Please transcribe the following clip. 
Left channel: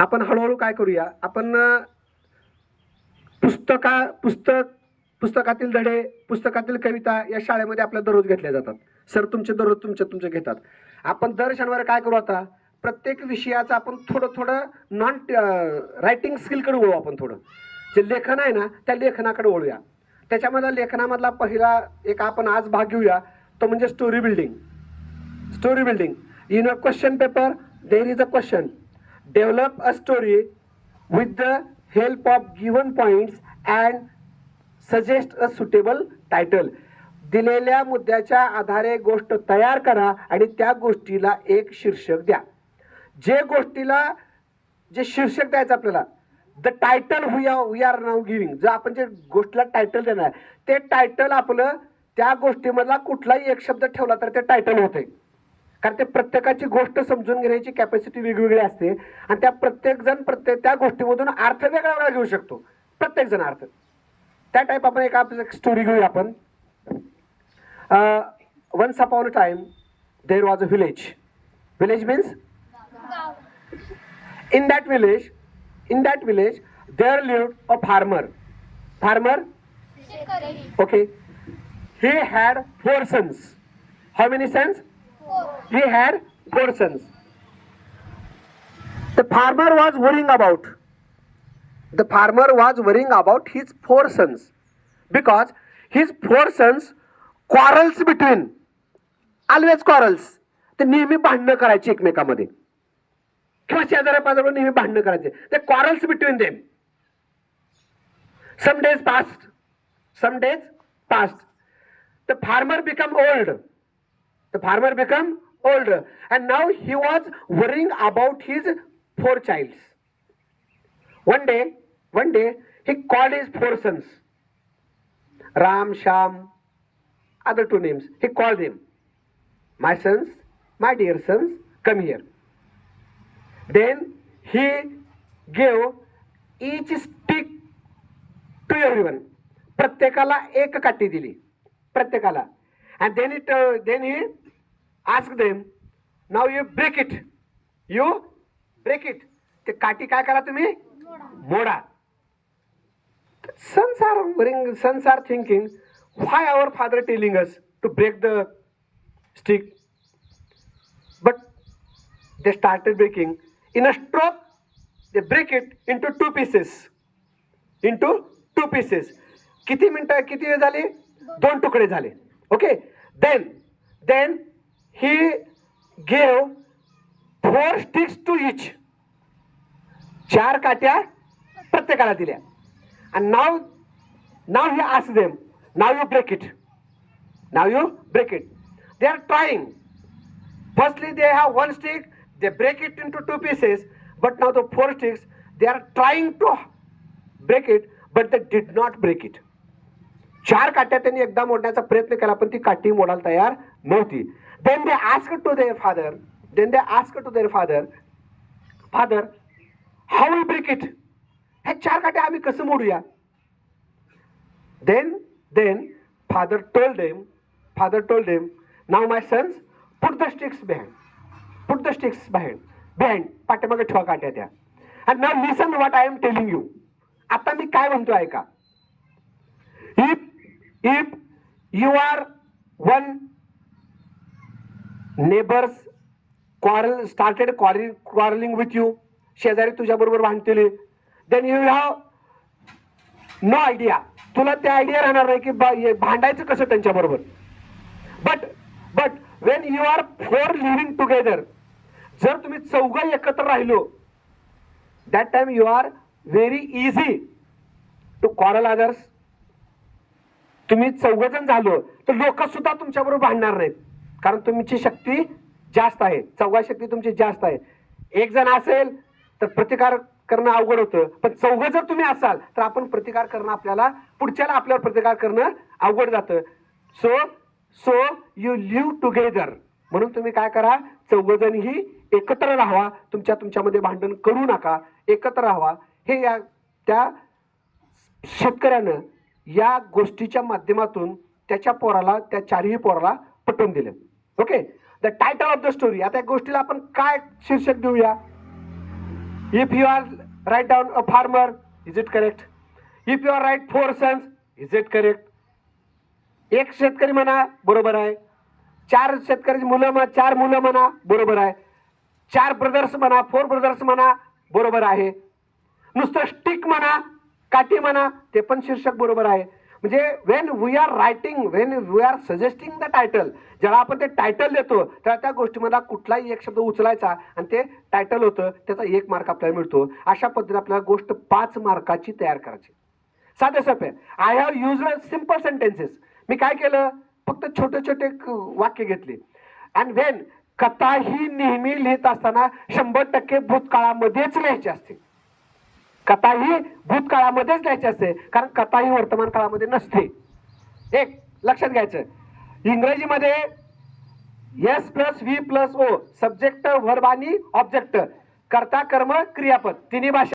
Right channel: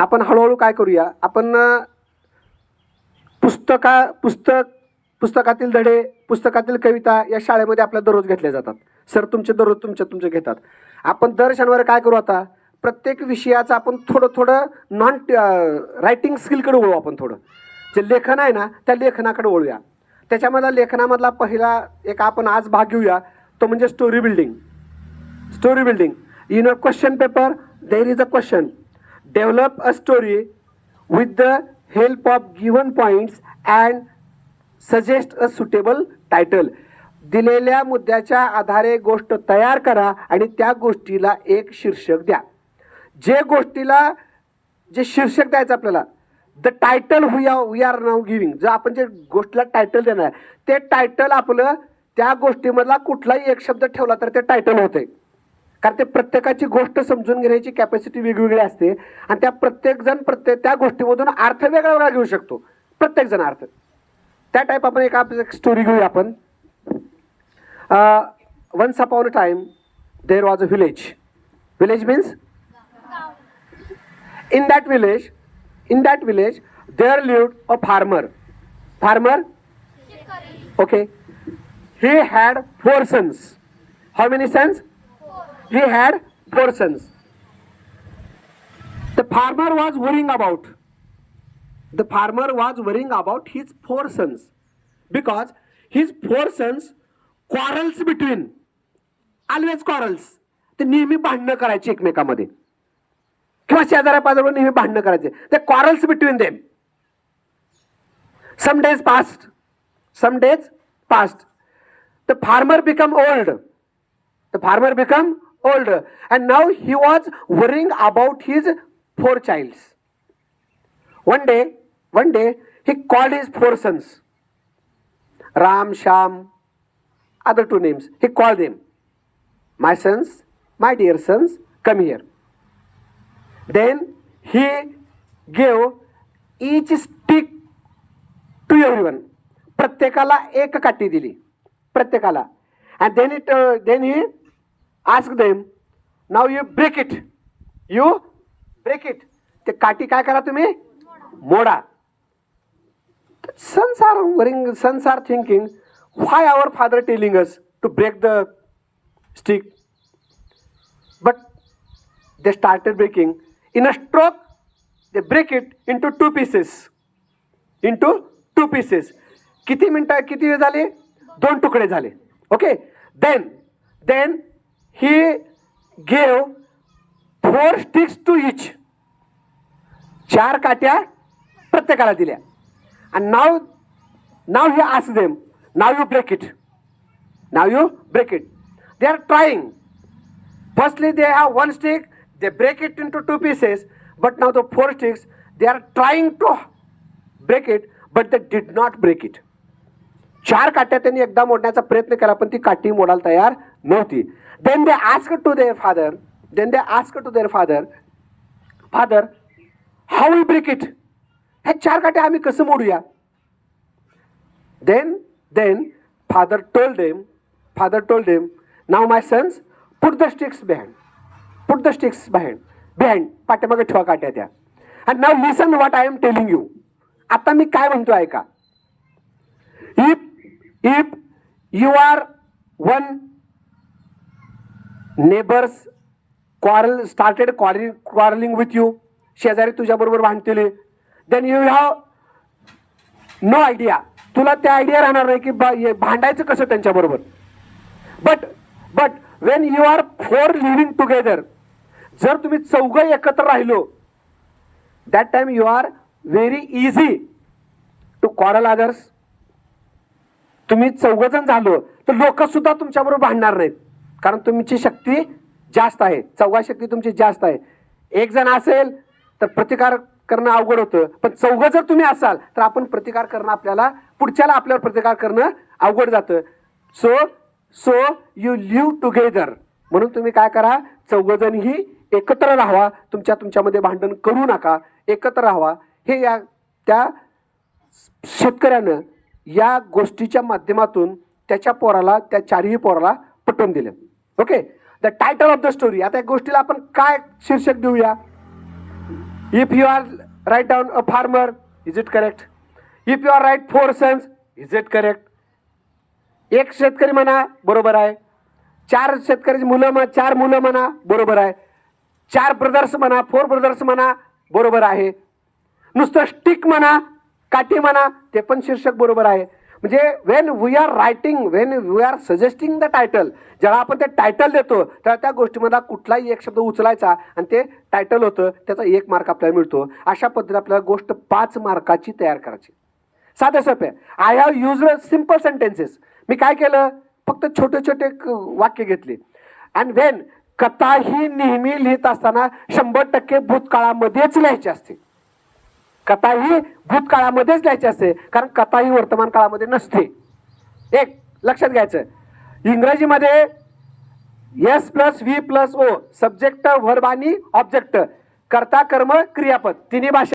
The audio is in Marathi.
आपण हळूहळू काय करूया, आपण पुस्तकातील धडे, पुस्तकातील कविता या शाळेमध्ये आपल्या दररोज घेतल्या जातात. सर तुमचे दररोज तुमचे घेतात. आपण दर शनिवारी काय करू, आता प्रत्येक विषयाचं आपण थोडं थोडं नॉन रायटिंग स्किलकडे वळू. आपण थोडं जे लेखन आहे ना त्या लेखनाकडे वळूया. त्याच्यामधला लेखनामधला पहिला एक आपण आज भाग घेऊया, तो म्हणजे story building. Story building in a question paper there is a question. Develop a story with the help of given points and suggest a suitable title. दिलेल्या मुद्द्याच्या आधारे गोष्ट तयार करा आणि त्या गोष्टीला एक शीर्षक द्या. जे गोष्टीला जे शीर्षक द्यायचं आपल्याला, the title we are now giving, जर आपण जे गोष्टीला टायटल देणार ते टायटल आपलं त्या गोष्टीमधला कुठलाही एक शब्द ठेवला तर ते टायटल होते. कारण ते प्रत्येकाची गोष्ट समजून घेण्याची कॅपॅसिटी वेगवेगळी असते आणि त्या प्रत्येकजण त्या गोष्टीमधून अर्थ वेगळा वेगळा घेऊ शकतो. प्रत्येकजण अर्थ त्या टाईप आपण एक स्टोरी घेऊया आपण. Once upon a time there was a village. Village means in that village there lived a farmer. Okay, he had 4 sons. How many sons? He had 4 sons. The farmer was worrying about his 4 sons because his 4 sons quarrels between, always quarrels. ते नेहमी भांडणं करायची एकमेकांमध्ये किंवा शेजाऱ्या पाजाऱ्यावर नेहमी भांडणं करायचे. ते quarrels between them. Some days passed. The farmer became old and now he was worrying about his 4 childs. One day he called his 4 sons, Ram, Sham, other 2 names. He called them, my sons, my dear sons, come here. Then he gave each stick to everyone. प्रत्येकाला एक काठी दिली प्रत्येकाला. And then he asked them, now you break it. ते काठी काय करा तुम्ही मोडा. Sons are thinking, why our father telling us to break the stick? But they started breaking. In a stroke, they break it into 2 pieces. किती वेळ झाले? 2 तुकडे झाले. Okay. Then he gave 4 sticks to each. 4 काट्या प्रत्येकाला दिल्या. And now he asked them, now you break it. They are trying. Firstly, they have 1 stick. They break it into 2 pieces, but now the 4 sticks, they are trying to break it, but they did not break it. 4 काट्या त्यांनी एकदा मोडण्याचा प्रयत्न केला पण ती काठी मोडायला तयार नव्हती. Then they asked to their father, Father, how we break it? हे 4 काट्या आम्ही कसं मोडूया? Then father told them, now my sons, put the sticks behind. पाठीमागे ठेवा काट्या त्या. And now listen what I am telling you. आता मी काय म्हणतो ऐका. If you are one neighbors started quarreling with you, शेजारी तुझ्या बरोबर भांडतील, then you have no idea. तुला त्या आयडिया राहणार नाही की भांडायचं कसं त्यांच्या बरोबर. But when you are 4 living together, जर तुम्ही 4 एकत्र राहिलो, that time you are very easy to quarrel others. तुम्ही 4 जण झालो तर लोक सुद्धा तुमच्या बरोबर भांडणार नाहीत कारण तुमची शक्ती जास्त आहे. 4 शक्ती तुमची जास्त आहे. 1 जण असेल तर प्रतिकार करणं अवघड होतं, पण 4 जर तुम्ही असाल तर आपण प्रतिकार करणं पुढच्याला आपल्यावर प्रतिकार करणं अवघड जातं. So you live together. म्हणून तुम्ही काय करा, 4 जणही एकत्र राहावा. तुमच्यामध्ये भांडण करू नका, एकत्र राहावा. हे त्या शेतकऱ्यानं या गोष्टीच्या माध्यमातून त्याच्या पोराला, त्या 4ही पोराला पटवून दिलं. Okay, the title of the story. आता या गोष्टीला आपण काय शीर्षक देऊया? If you are write down a farmer, is it correct? If you are write 4 sons, is it correct? एक शेतकरी म्हणा, बरोबर आहे. 4 शेतकरी मुलं म्हणा, 4 मुलं म्हणा, बरोबर आहे. 4 ब्रदर्स म्हणा, 4 ब्रदर्स म्हणा, बरोबर आहे. नुसतं स्टिक म्हणा, काठी म्हणा, ते पण शीर्षक बरोबर आहे. म्हणजे when we are writing, when we are suggesting the title, जेव्हा आपण ते टायटल देतो तेव्हा त्या गोष्टीमध्ये कुठलाही एक शब्द उचलायचा आणि ते टायटल होतं, त्याचा 1 मार्क आपल्याला मिळतो. अशा पद्धतीने आपल्याला गोष्ट 5 मार्काची तयार करायची. साधे सोपे. I have used simple sentences. मी काय केलं, फक्त छोटे छोटे वाक्य घेतले. अँड वेन कथा ही नेहमी लिहित असताना 100% भूतकाळामध्येच लिहायची असते. कथा ही भूतकाळामध्येच लिहायची असते, कारण कथा ही वर्तमान काळामध्ये नसते. एक लक्षात घ्यायचं, इंग्रजीमध्ये S plus V plus O, subject, verb आणि ऑब्जेक्ट, कर्ता, कर्म, क्रियापद, तिन्ही भाषा